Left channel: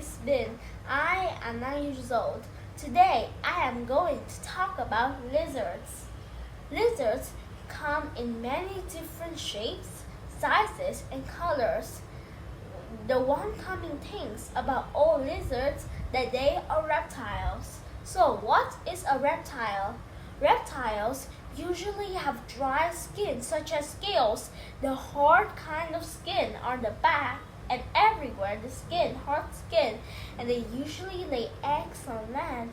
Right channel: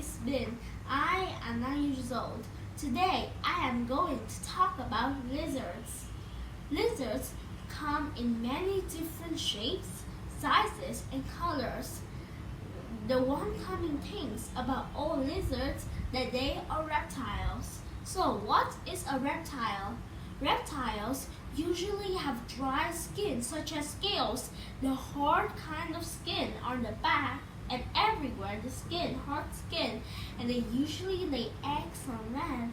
is Ben. I am 9 years old. Today I am going to talk about lizards. Lizards come in many different shapes, sizes, and colors. The one common things about all lizards that they are reptiles. So what is a reptile? Reptiles usually have dry skin such as scales, the hard kind of skin on the back and everywhere hard skin, and they usually lay eggs on land,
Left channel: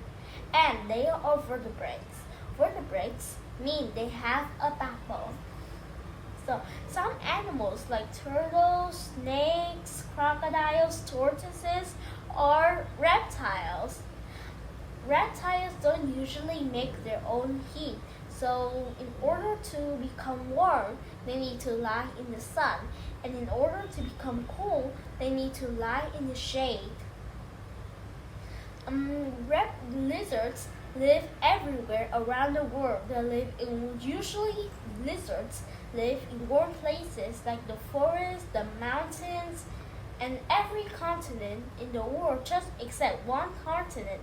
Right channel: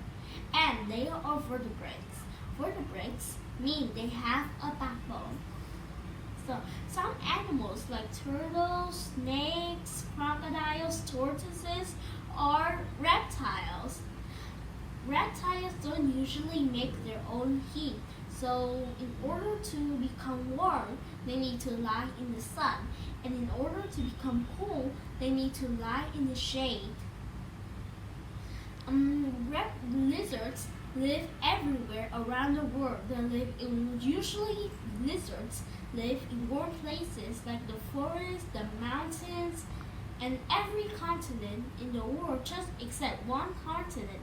and they are vertebrates. Vertebrates mean they have a backbone. So some animals like turtles, snakes, crocodiles, tortoises are reptiles. Reptiles don't usually make their own heat, so in order to become warm, they need to lie in the sun, and in order to become cool, they need to lie in the shade. Lizards live everywhere around the world. Usually lizards live in warm places like the forest, the mountains, and every continent in the world just except one continent,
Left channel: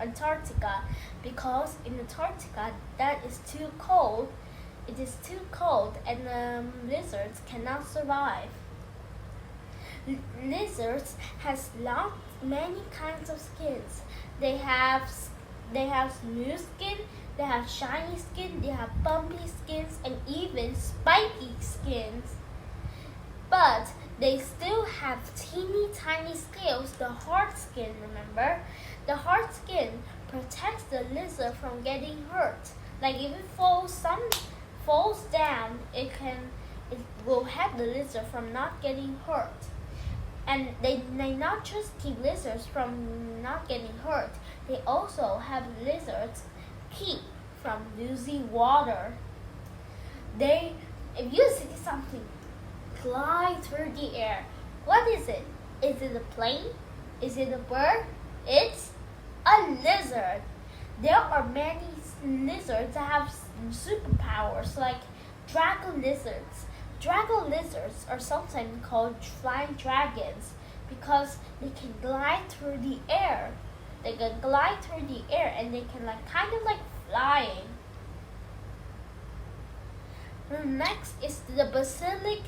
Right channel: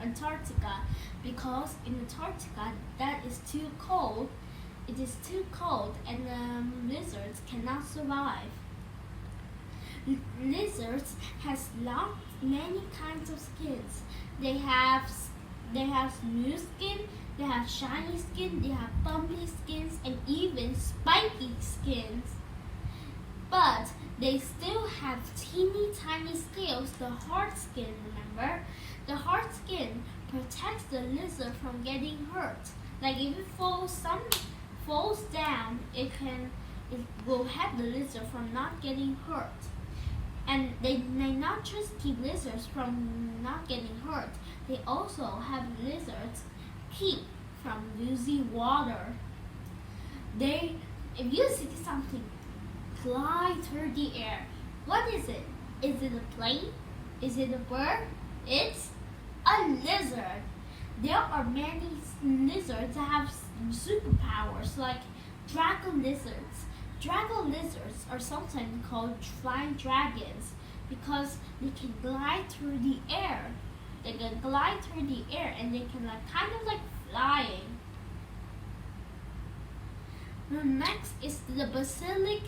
Antarctica, because in Antarctica that is too cold. It is too cold and lizards cannot survive. Lizards has many kinds of skins. They have smooth skin, they have shiny skin, they have bumpy skins, and even spiky skins. But they still have teeny tiny scales, the hard skin, remember? The hard skin protects the lizard from getting hurt. Like if it falls down, it will help the lizard from not getting hurt. And they not just keep lizards from not getting hurt, they also have lizards keep from losing water. If you see something fly through the air, what is it? Is it a plane? Is it a bird? It's a lizard. There are many lizards that have superpowers like dragon lizards. Dragon lizards are sometimes called flying dragons because they can glide through the air. They can glide through the air and they can kind of like flying. Next is the basilic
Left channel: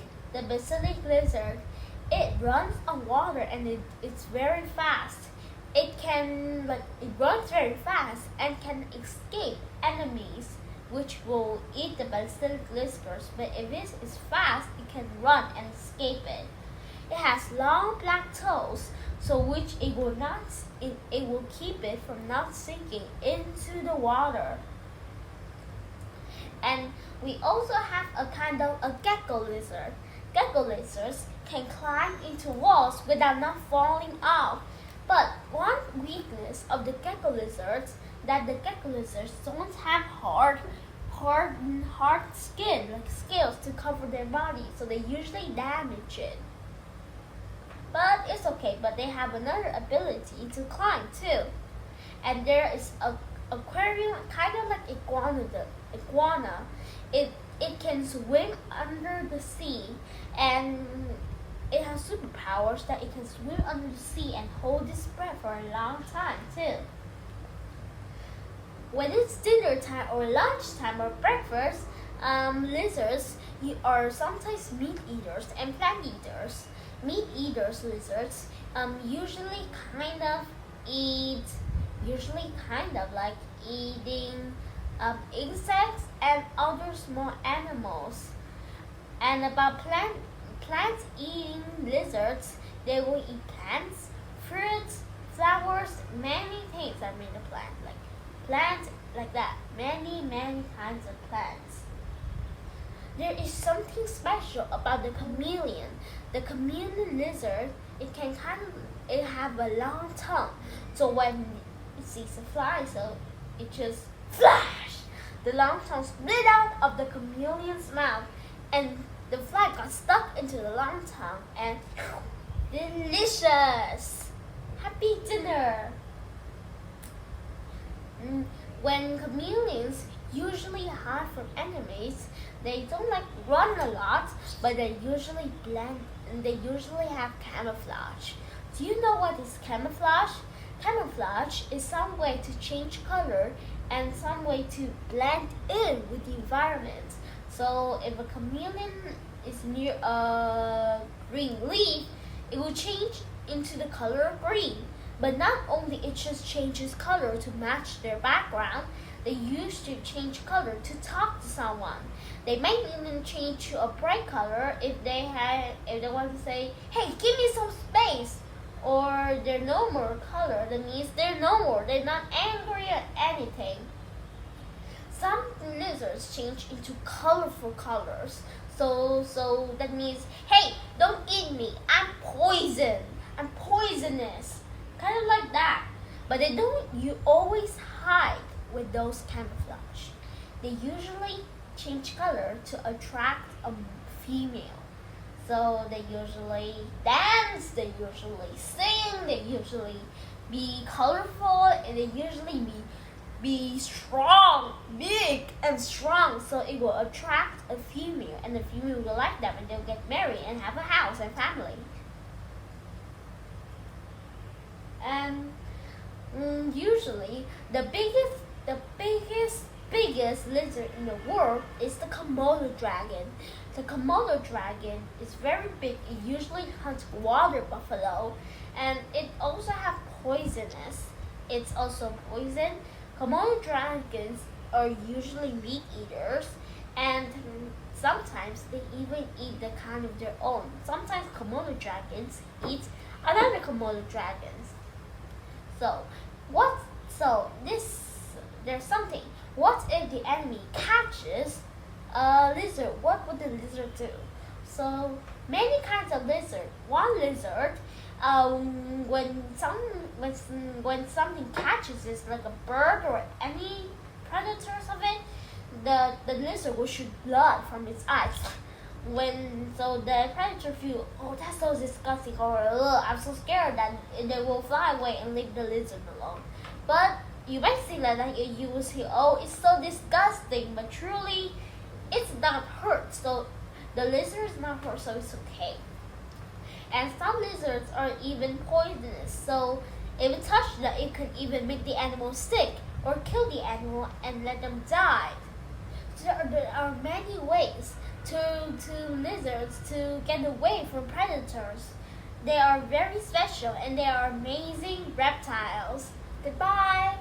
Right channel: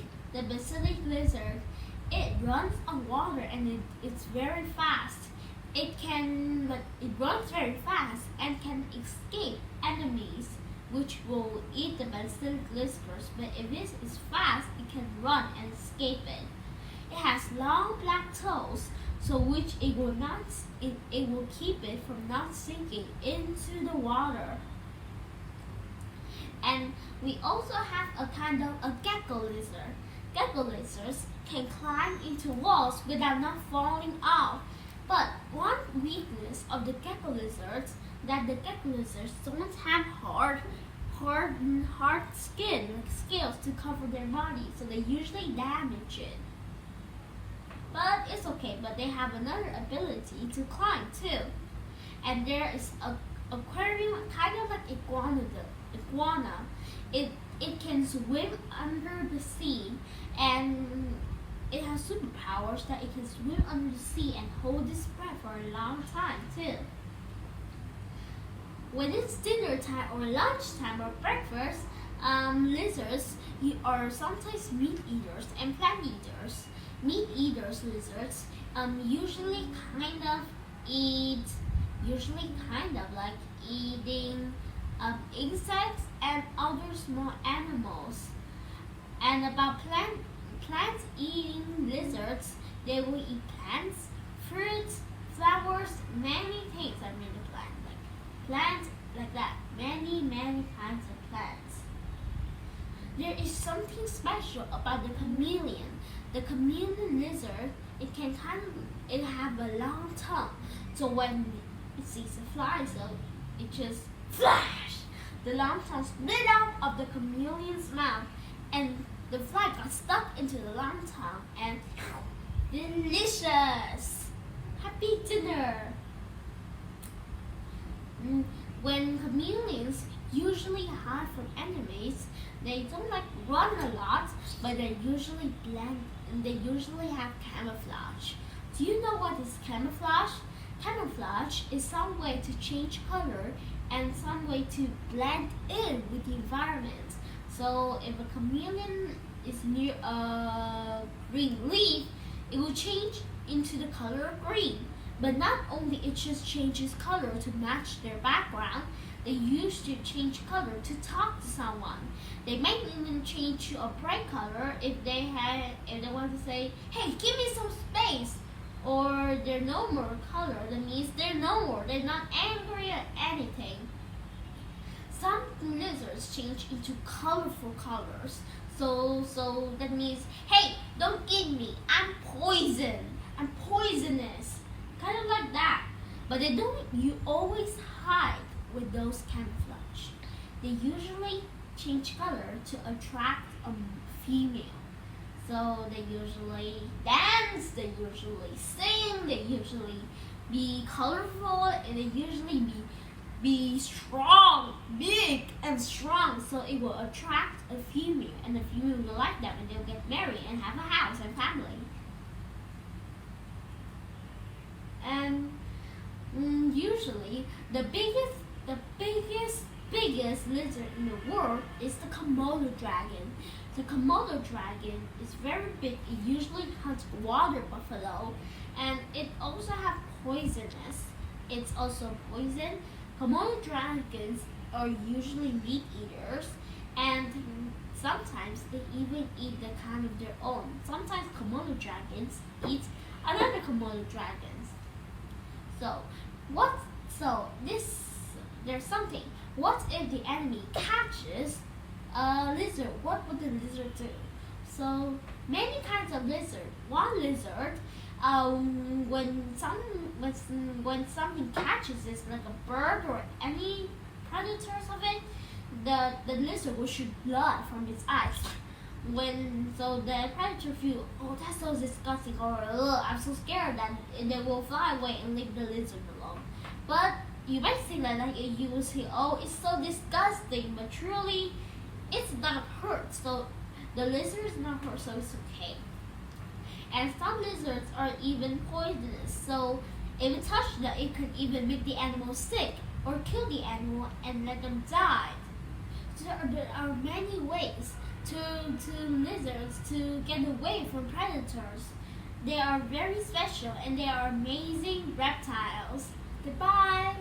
lizard. It runs on water and it's very fast. It runs very fast and can escape enemies which will eat the basilic lizards. But if it is fast, it can run and escape it. It has long black toes, so which it will keep it from not sinking into the water. And we also have a kind of a gecko lizard. Gecko lizards can climb into walls without not falling off. But one weakness of the gecko lizards that the gecko lizards don't have hard skin, like scales to cover their body, so they usually damage it. But it's okay, but they have another ability to climb too. And there is a aquarium, kind of like iguana. It can swim under the sea, and it has superpowers that it can swim under the sea and hold its breath for a long time too. When it's dinner time or lunchtime or breakfast, lizards are sometimes meat eaters and plant eaters. Meat eaters lizards usually kind of like eating insects and other small animals. And about plants eating lizards, they will eat plants, fruits, flowers, many things that made a plant, like plants like that, many kinds of plants. There is something special about the chameleon. The chameleon lizard, it have a long tongue, so when it sees a fly, so it just flash. The long tongue split out of the chameleon's mouth, and the fly got stuck into the long tongue, and delicious! Happy dinner! When chameleons usually hide from enemies, they don't run a lot, but they usually blend and they usually have camouflage. Do you know what is camouflage? Camouflage is some way to change color and some way to blend in with the environment. So if a chameleon is near a green leaf, it will change into the color of green. But not only it just changes color to match their background, they used to change color to talk to someone. They might even change to a bright color if they want to say, "Hey, give me some space." Or their normal color, that means they're normal, they're not angry at anything. Some lizards change into colorful colors. So that means, "Hey, don't eat me. I'm poison. I'm poisonous." Kind of like that. But they don't you always hide with those camouflage. They usually change color to attract a female. So they usually dance, they usually sing, they usually be colorful, and they usually be strong, big and strong. So it will attract a female, and the female will like them, and they'll get married and have a house and family. And usually the biggest lizard in the world is the Komodo dragon. The Komodo dragon is very big. It usually hunts water buffalo, and it also have poisonous. It's also poison. Komodo dragons are usually meat eaters, and sometimes they even eat the kind of their own. Sometimes Komodo dragons eat another Komodo dragons. So what? So this there's something. What if the enemy catches a lizard? What would the lizard do? So many kinds of lizard. One lizard, when something catches it, like a bird or any predators of it, the lizard will shoot blood from its eyes. So the predator feel, "Oh, that's so disgusting," or "I'm so scared," that they will fly away and leave the lizard alone. But you might see that you will see, "Oh, it's so disgusting," but truly it's not hurt. So the lizard is not hurt, so it's okay. And some lizards are even poisonous. So if it touches them, it could even make the animal sick or kill the animal and let them die. So there are many ways to lizards to get away from predators. They are very special and they are amazing reptiles. Goodbye.